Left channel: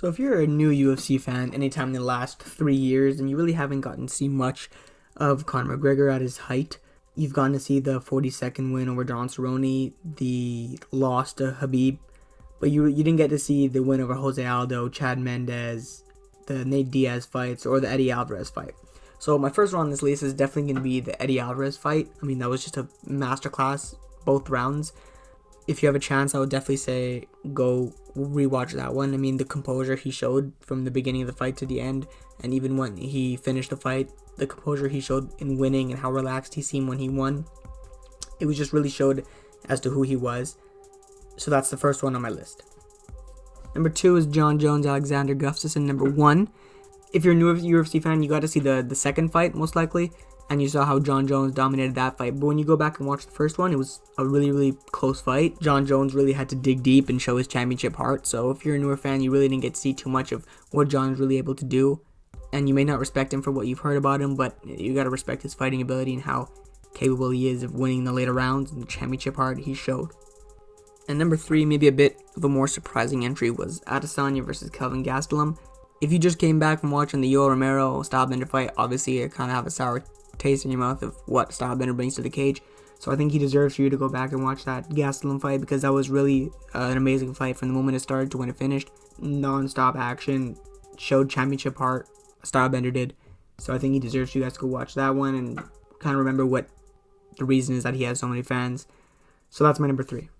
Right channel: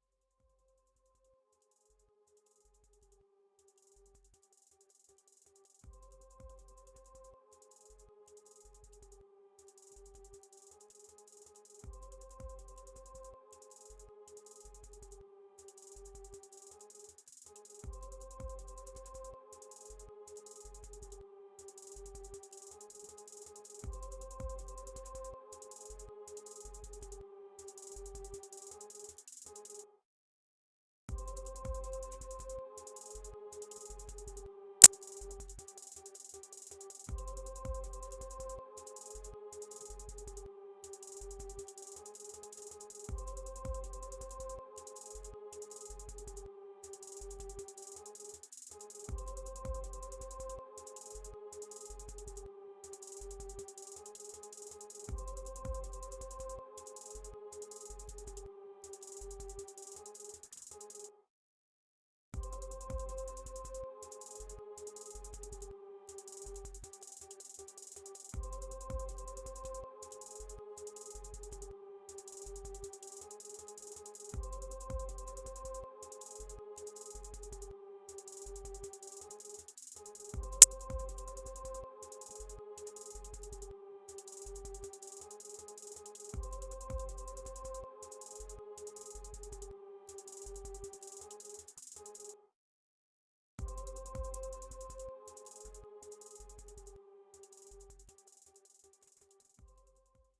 So if you're a new UFC fan anytime in the last 3 years and you really haven't gotten to see much of Conor McGregor at his height, you've gotten to see the 42nd win over Don Cerrone, the loss to Habib, but you didn't get to see the win over Jose Aldo, Chad Mendez, the Nate Diaz fights, or the Eddie Alvarez fight. So my first one on this list is definitely going to be the Eddie Alvarez fight. I mean, that was just a masterclass, both rounds. If you have a chance, I would definitely say go rewatch that one. I mean, the composure he showed from the beginning of the fight to the end, and even when he finished the fight, the composure he showed in winning and how relaxed he seemed when he won, it was just really showed as to who he was. So that's the first one on my list. Number 2 is Jon Jones, Alexander Gustafsson. Number 1, if you're a new UFC fan, you got to see the second fight most likely, and you saw how Jon Jones dominated that fight. But when you go back and watch the first one, it was a really, really close fight. Jon Jones really had to dig deep and show his championship heart. So if you're a newer fan, you really didn't get to see too much of what Jon's really able to do. And you may not respect him for what you've heard about him, but you got to respect his fighting ability and how capable he is of winning the later rounds and the championship heart he showed. And number 3, maybe a bit of a more surprising entry, was Adesanya versus Kelvin Gastelum. If you just came back from watching the Yoel Romero Stylebender fight, obviously you kind of have a sour taste in your mouth of what Stylebender brings to the cage. So I think he deserves for you to go back and watch that Gastelum fight, because that was really an amazing fight from the moment it started to when it finished. Non-stop action, showed championship heart, Stylebender did. So I think he deserves you guys to go watch that one and kind of remember what the reason is that he has so many fans. So that's my number 3.